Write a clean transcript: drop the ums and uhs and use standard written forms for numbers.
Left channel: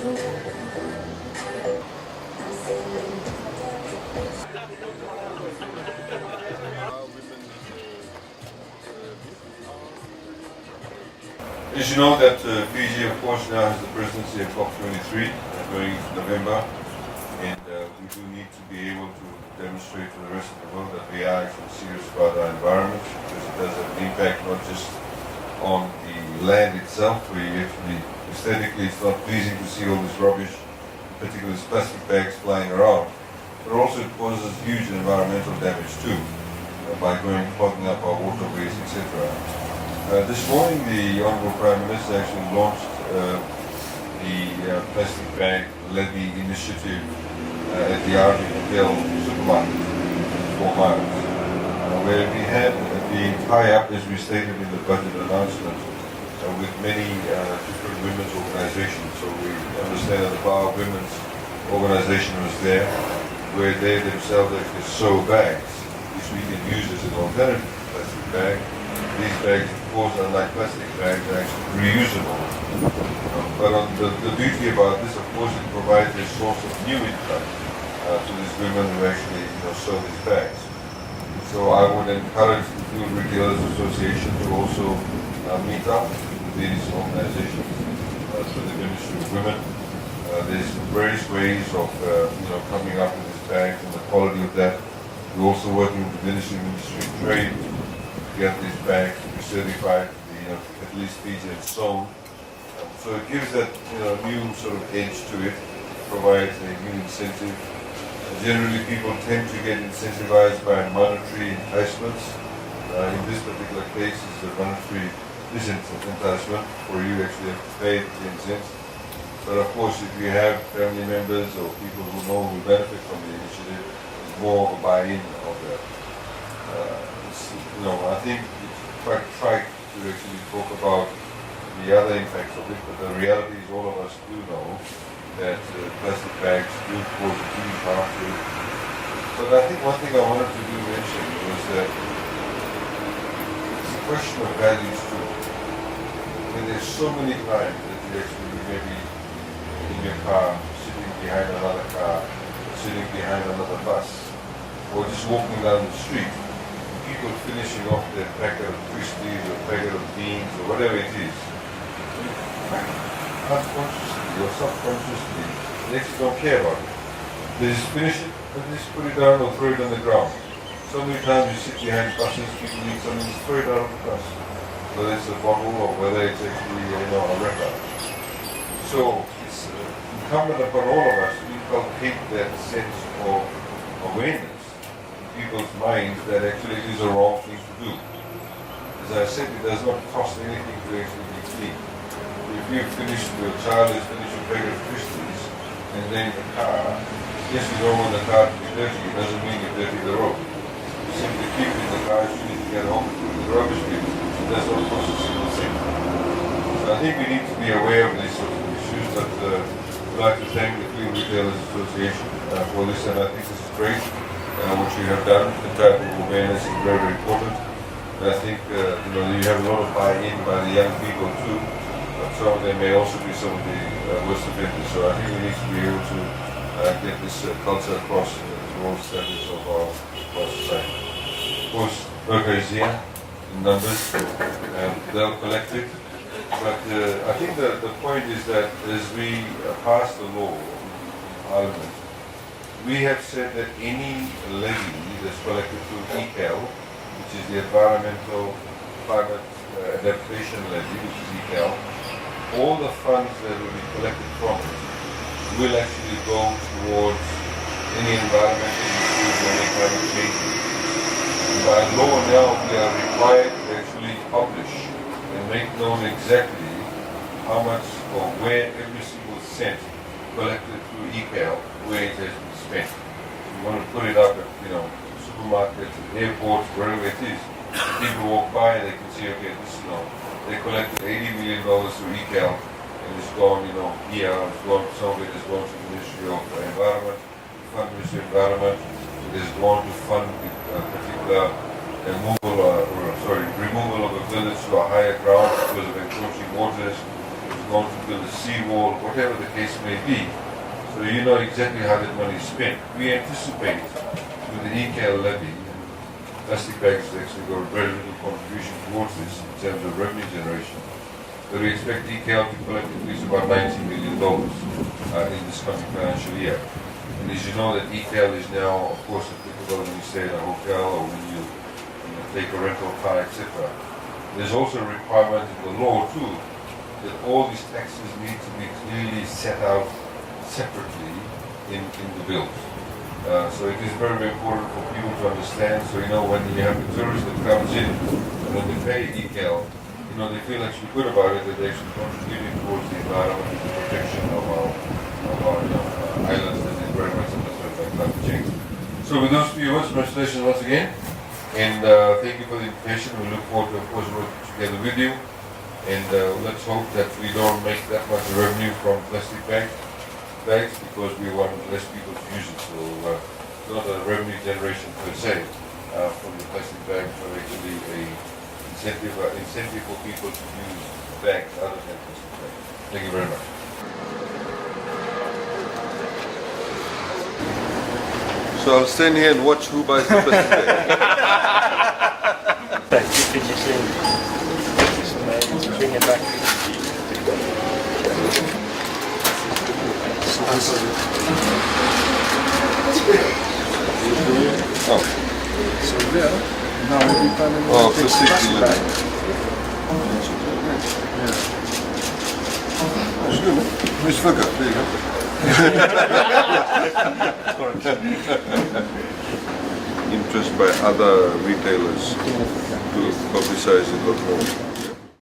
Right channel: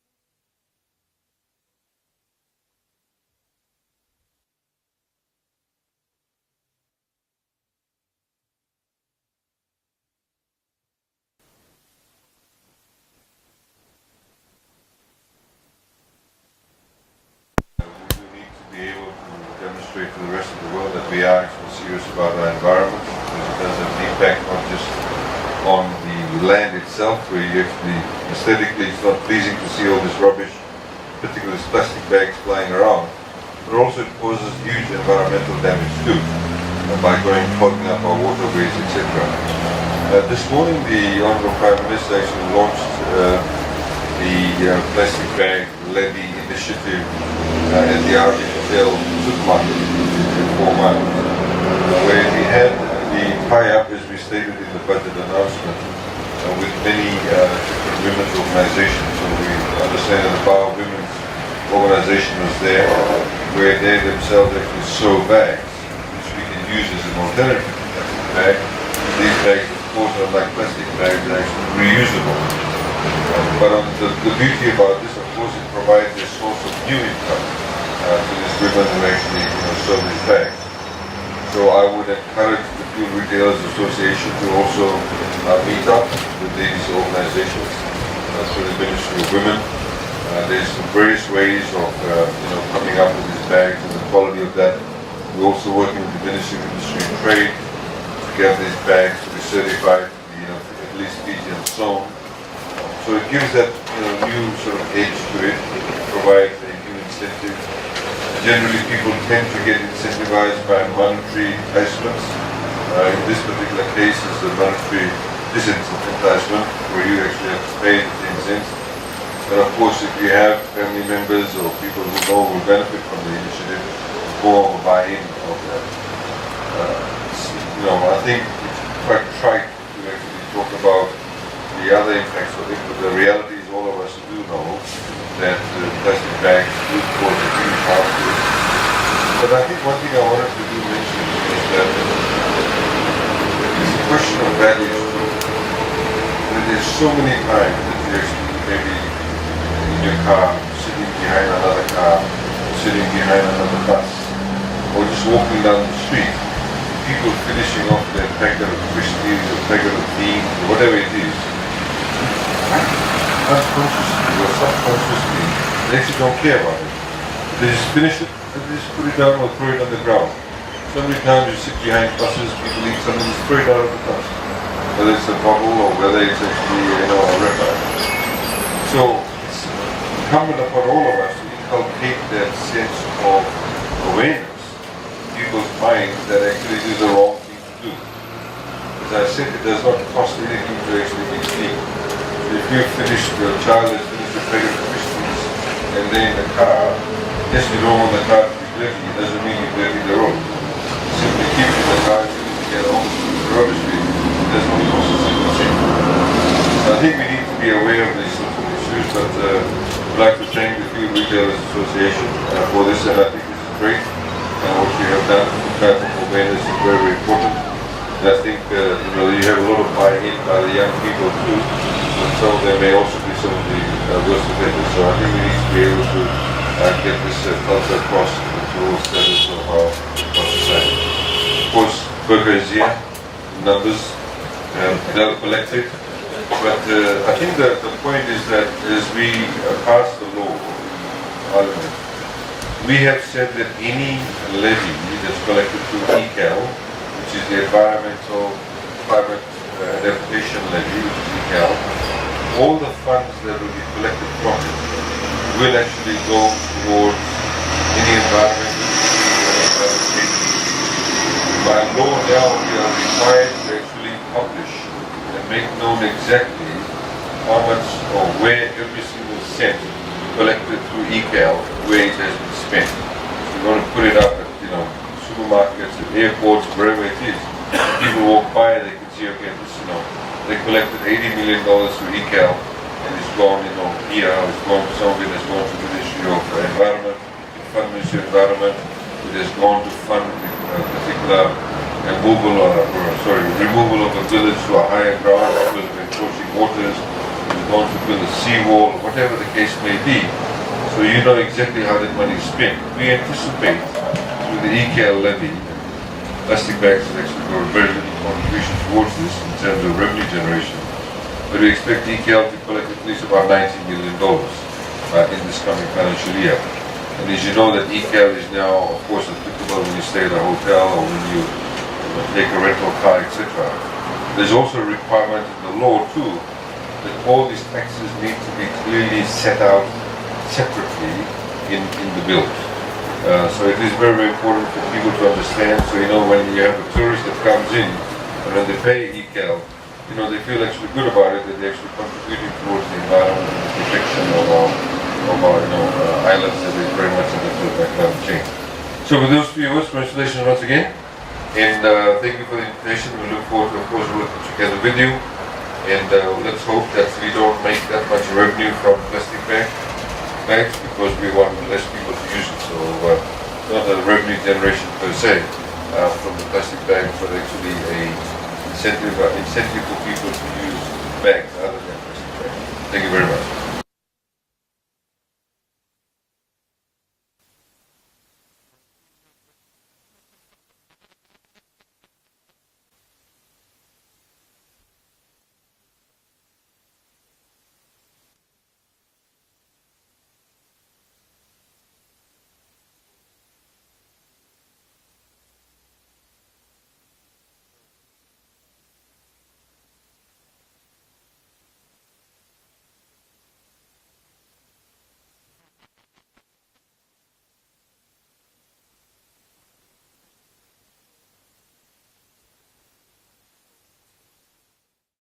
As you know that Fiji, of course, now has the presidency of COP23 going into November, and we do need to be able to demonstrate to the rest of the world that we are actually serious about our environment, because it does have an impact not just on the land itself, where you actually, aesthetically, it's not pleasing to see all this rubbish, particularly these plastic bags flying around, but also it causes huge environmental damage too, by clogging up our waterways, etc. This morning, the Honourable Prime Minister actually launched the plastic bag levy initiative at the RV Hotel supermarket in 4 miles, where we had the tie-up, as we stated in the budget announcement, with many different women's organizations. So we understand that the Power Women's organization was there, where they themselves actually sew bags, which we can use as an alternative to plastic bag. These bags, of course, unlike plastic bags, are actually reusable. But the beauty about this, of course, it provides a source of new income to these women who actually sew these bags. So I would encourage the Fuel Retailers Association to also meet up with these organizations through the Ministry of Women. There's various ways of coming up with these bags and the quality of that. We're also working with the Ministry of Industry and Trade to get these bags to be certified to be at least Fijian sewn. So it gives that new sort of edge to it, provides a new incentive. Generally, people tend to get incentivized by monetary enticements. In this particular case, it's the monetary disenticement, where you actually have to pay the 10 cents. But of course, if you have family members or people who know will benefit from the initiative, more of a buy-in of that. I think it's quite trite to actually talk about the other impacts of it, but the reality is all of us do know that plastic bags do cause a huge harm to it. But I think one thing I wanted to mention is that it's a question of values too. There's so many times that you actually maybe in your car, sitting behind another car, sitting behind another bus, or just walking down the street, people finishing off their packet of Christies or packet of beans or whatever it is, unconsciously or subconsciously, they actually don't care about it. They just finish it, they just put it down or throw it on the ground. So many times you sit behind buses, people eat something, just throw it out of the bus. Whether it's a bottle or whether it's actually, a wrapper. So it's incumbent upon all of us to inculcate that sense of awareness in people's minds that actually it is the wrong thing to do. As I said, it does not cost anything to actually be clean. So if your child has finished a packet of Christmas and they're in the car, yes, you don't want the car to be dirty, it doesn't mean you dirty the road. You simply keep it in the car as soon as you get home to the rubbish bin. That's what we also say. So I think we need to be aware of these sorts of issues, but I'd like to thank the Fuel Retailers Association for this, and I think this is great. What you have done, the type of awareness is very, very important. And I think you have a lot of buy-in by the young people too, and so there may also be some of the worst offenders. So I think we need to be able to get this culture across to all status of our society. Of course, Burger is here. Numbers, they'll collect it. But I think that the point is that as we pass the law in Parliament, we have said that any levy that's collected through ECAL, which is the Environmental Climate Adaptation Levy, which is ECAL, all the funds that will be collected from it will actually go towards any environmental climate change. By law now, we are required to actually publish and make known exactly how much or where every single cent collected through ECAL, where it has been spent. So we want to put it up at supermarkets, at airports, wherever it is. People walk by, they can see, okay, this, they collected $80 million through ECAL, and it's gone, here, it's gone to somewhere, it's gone to the Ministry of Environment, Ministry of Environment. It has gone to fund a particular removal of a village to a higher ground because of encroaching waters. It has want to build a seawall, whatever the case may be. So you know exactly how that money is spent. We anticipate through the ECAL levy, plastic bags have actually got a very little contribution towards this in terms of revenue generation. But we expect ECAL to collect at least about $90 million in this coming financial year. And as you know, that ECAL is now, of course, applicable when you stay at a hotel or when you take a rental car, etc. There's also a requirement in the law too that all these taxes need to be clearly set out separately in the bill. So it is very, very important for people to understand. So you know, when you have a tourist that comes in and when they pay ECAL, you know, they feel actually good about it, that they're actually contributing towards the environment and the protection of our islands that is very much in the climate change. So with those few words, congratulations once again, and thank you for the invitation. We look forward to, of course, working together with you, and let's hope that we don't make that much revenue from plastic bags because we want less people to use it. So not a revenue generation per se from the plastic bags, but actually a incentive for people to use bags other than plastic bags. Thank you very much. So I'll stand here and watch who buys the plastic bag. Bring it back. Oh, plastic delivery. That's good, man. Miss Fugger, there you go. Interest by other retailers to publicize it a lot more.